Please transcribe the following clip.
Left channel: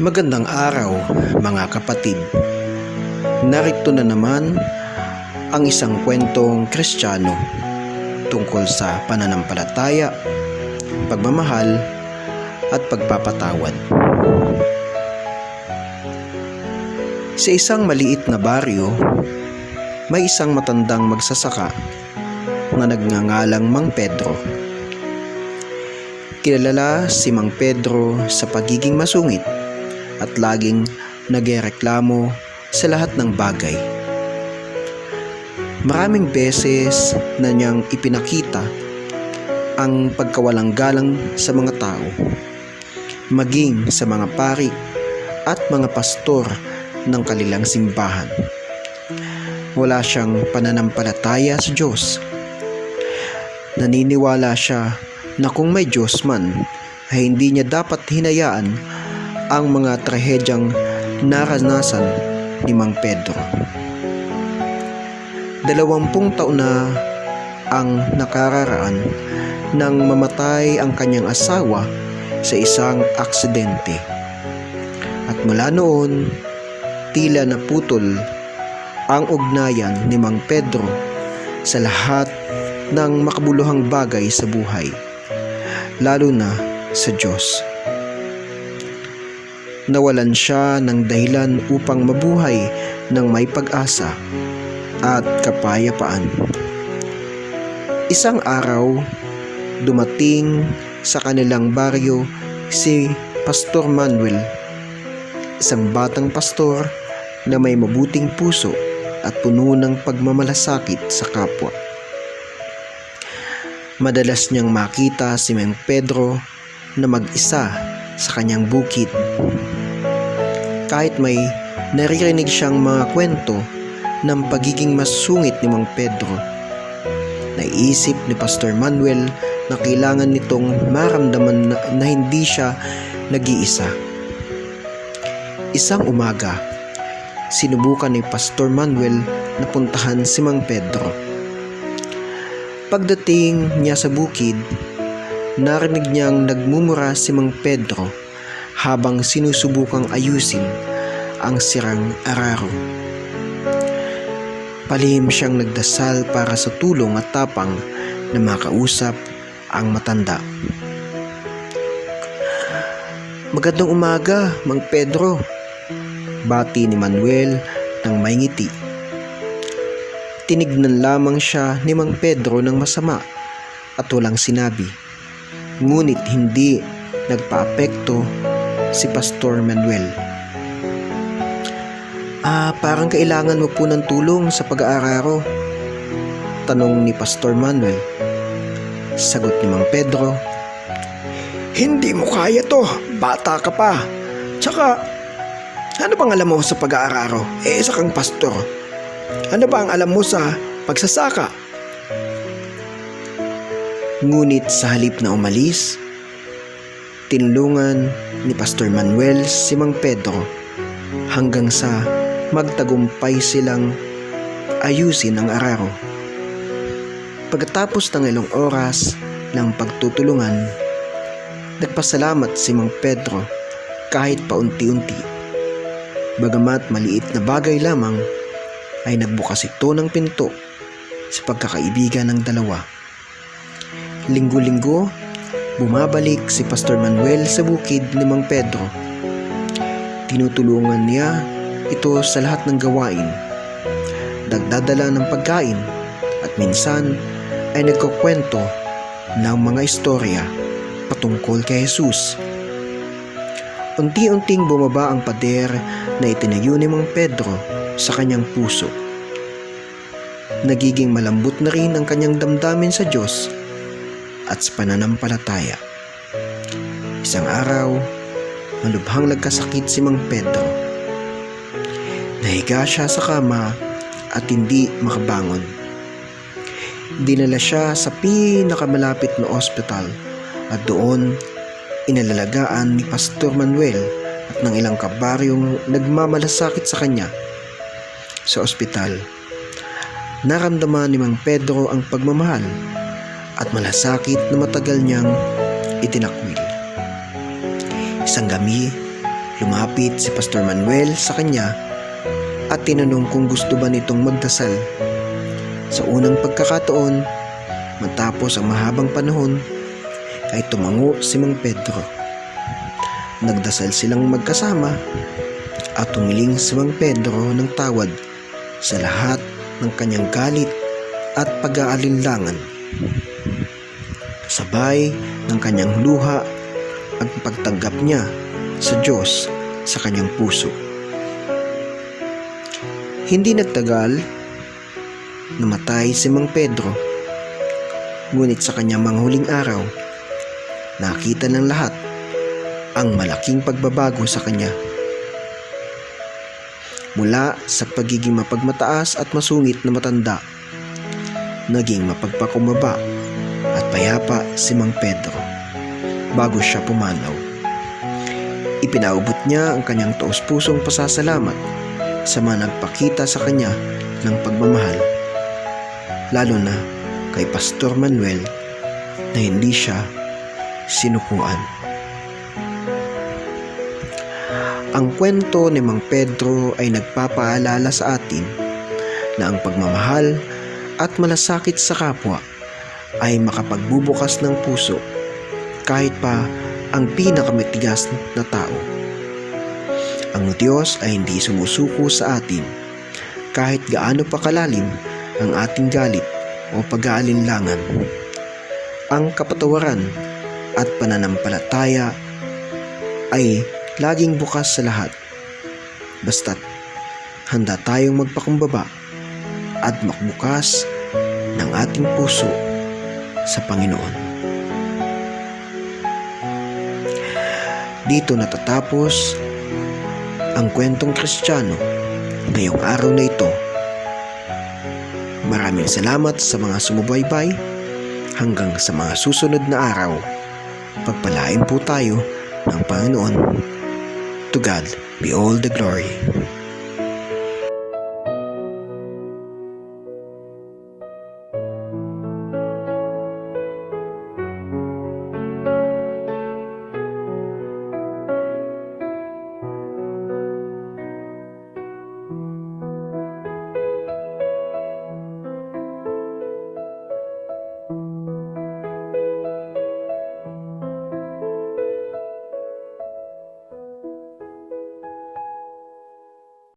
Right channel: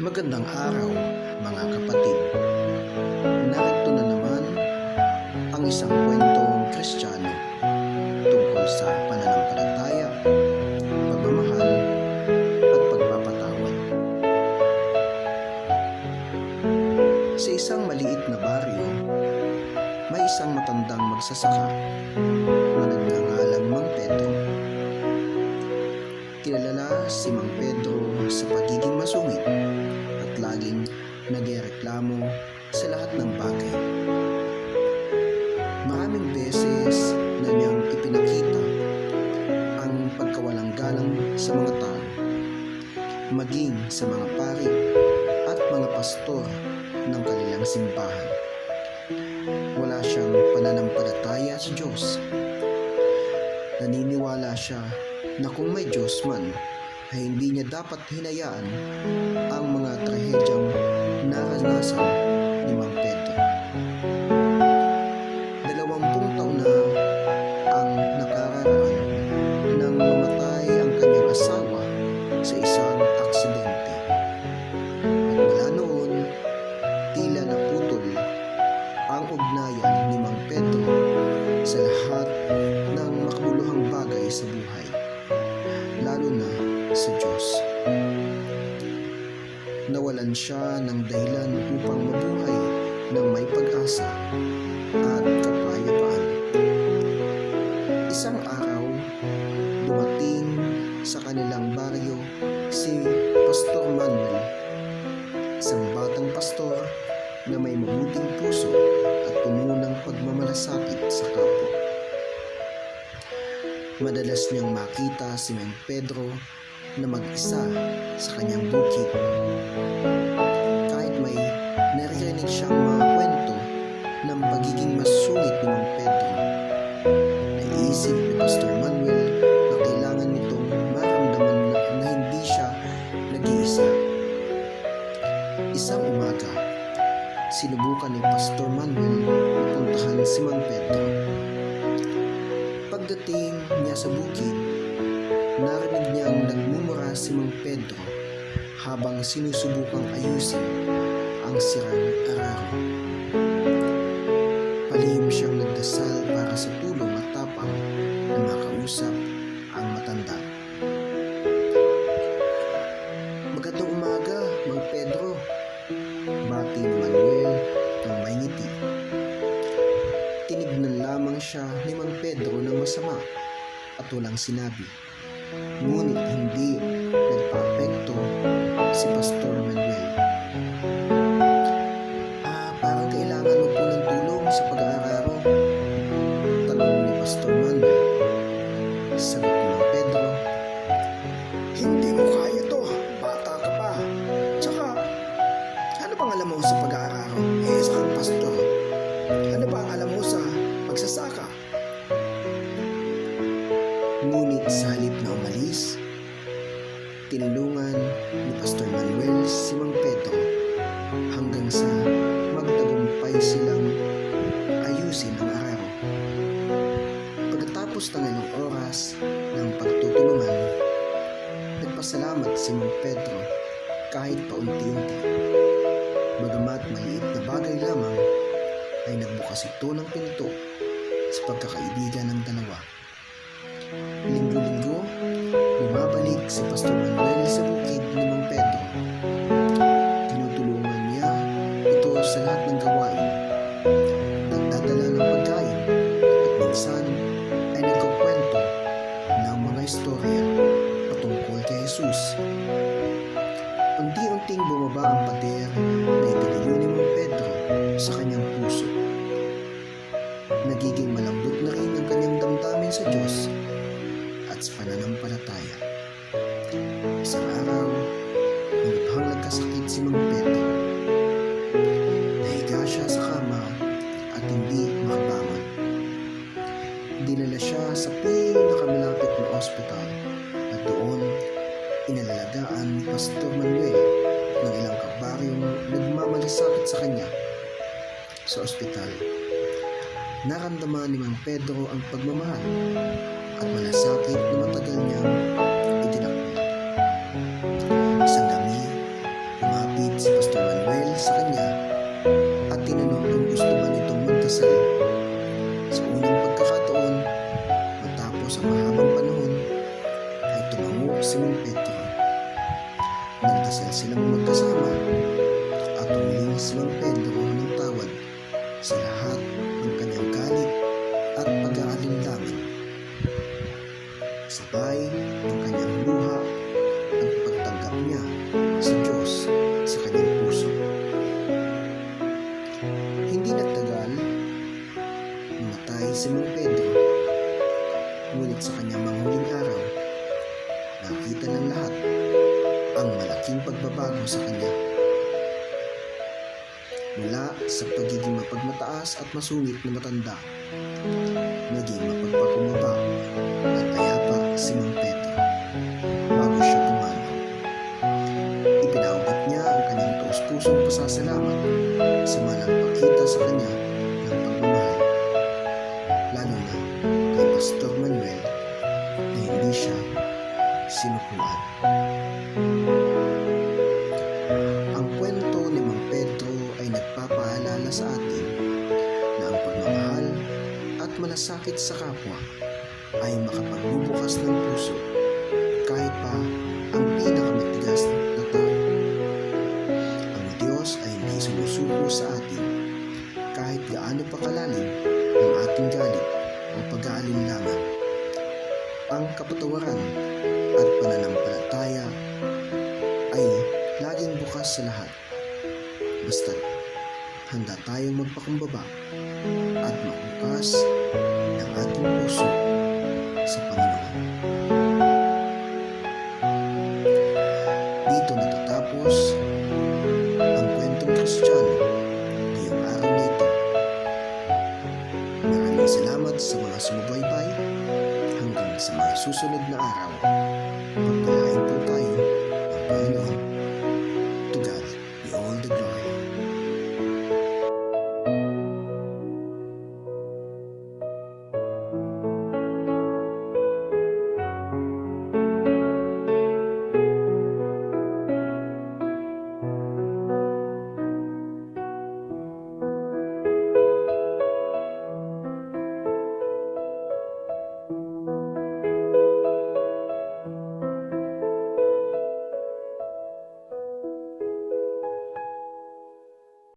Magandang araw mga kapatid. Narito na naman ang isang kwentong Kristiyano tungkol sa pananampalataya, pagmamahal at pagpapatawad. Sa isang maliit na baryo, may isang matandang magsasaka na nagngangalang Mang Pedro. Kilala si Mang Pedro sa pagiging masungit at laging nagreklamo sa lahat ng bagay. Maraming beses na niyang ipinakita ang pagkawalang galang sa mga tao, maging sa mga pari at mga pastor ng kanilang simbahan. Wala siyang pananampalataya sa Diyos. Naniniwala siya na kung may Diyos man, ay hindi niya dapat hinayaan ang mga trahedyang naranasan ni Mang Pedro. 20 taon na ang nakararaan nang mamatay ang kanyang asawa sa isang aksidente. At mula noon, tila naputol ang ugnayan ni Mang Pedro sa lahat ng makabuluhang bagay sa buhay, lalo na sa Diyos. Nawalan siya ng dahilan upang mabuhay ng may pag-asa at kapayapaan. Isang araw, dumating sa kanilang baryo si Pastor Manuel, isang batang pastor na may mabuting puso at puno ng pagmamalasakit sa kapwa. Madalas niyang makita si Mang Pedro na mag-isa sa kanyang bukid. Kahit may naririnig siyang mga kwento ng pagiging masungit ni Mang Pedro, naisip ni Pastor Manuel na kailangan nitong maramdaman na hindi siya nag-iisa. Isang umaga, sinubukan ni Pastor Manuel na puntahan si Mang Pedro. Pagdating niya sa bukid, narinig niyang nagmumura si Mang Pedro habang sinusubukang ayusin ang sirang araro. Palihim siyang nagdasal para sa tulong at tapang na makausap ang matanda. "Magandang umaga, Mang Pedro," bati ni Manuel ng may ngiti. Tinignan lamang siya ni Mang Pedro ng masama at walang sinabi. Ngunit hindi nagpaapekto si Pastor Manuel. Parang kailangan mo po ng tulong sa pag-aararo," tanong ni Pastor Manuel. Sagot ni Mang Pedro, "Hindi mo kaya to, bata ka pa. Tsaka, ano bang alam mo sa pag-aararo? Isa kang pastor. Ano ba ang alam mo sa pagsasaka?" Ngunit sa halip na umalis, tinulungan ni Pastor Manuel si Mang Pedro hanggang sa magtagumpay silang ayusin ang araro. Pagkatapos ng ilang oras ng pagtutulungan, nagpasalamat si Mang Pedro kahit paunti-unti. Bagamat maliit na bagay lamang, ay nagbukas ito ng pinto sa pagkakaibigan ng dalawa. Linggo-linggo, bumabalik si Pastor Manuel sa bukid ni Mang Pedro. Tinutulungan niya ito sa lahat ng gawain, nagdadala ng pagkain at minsan ay nagkukwento ng mga istorya patungkol kay Jesus. Unti-unting bumaba ang pader na itinayo ni Mang Pedro sa kanyang puso. Nagiging malambot na rin ang kanyang damdamin sa Diyos at sa pananampalataya. Isang araw, malubhang nagkasakit si Mang Pedro. Nahiga siya sa kama at hindi makabangon. Dinala siya sa pinakamalapit na ospital at doon inalalagaan ni Pastor Manuel at ng ilang kabaryong nagmamalasakit sa kanya. Sa ospital, naramdaman ni Mang Pedro ang pagmamahal at malasakit na matagal niyang itinakwil. Isang gabi, Lumapit si Pastor Manuel sa kanya at tinanong kung gusto ba nitong magdasal. Sa unang pagkakataon, matapos ang mahabang panahon, ay tumango si Mang Pedro. Nagdasal silang magkasama at tumiling si Mang Pedro ng tawad sa lahat ng kanyang galit at pag-aalinlangan. Sabay ng kanyang luha ang pagtanggap niya sa Diyos sa kanyang puso. Hindi nagtagal, namatay si Mang Pedro. Ngunit sa kanyang mga huling araw, nakita ng lahat ang malaking pagbabago sa kanya. Mula sa pagiging mapagmataas at masungit na matanda, naging mapagpakumbaba at payapa si Mang Pedro bago siya pumanaw. Ipinaubot niya ang kanyang taos-pusong pasasalamat sa mga nagpakita sa kanya ng pagmamahal, lalo na kay Pastor Manuel na hindi siya sinukuan. Ang kwento ni Mang Pedro ay nagpapaalala sa atin na ang pagmamahal at malasakit sa kapwa ay makapagbubukas ng puso kahit pa ang pinakamatigas na tao. Ang Diyos ay hindi sumusuko sa atin kahit gaano pa kalalim ang ating galit o pag-aalinlangan. Ang kapatawaran at pananampalataya ay laging bukas sa lahat, basta't handa tayong magpakumbaba at makbukas ng ating puso sa Panginoon. Dito natatapos ang kwentong Kristiyano ngayong araw na ito. Maraming salamat sa mga sumubaybay. Hanggang sa mga susunod na araw, pagpalain po tayo ng Panginoon. To God be all the glory.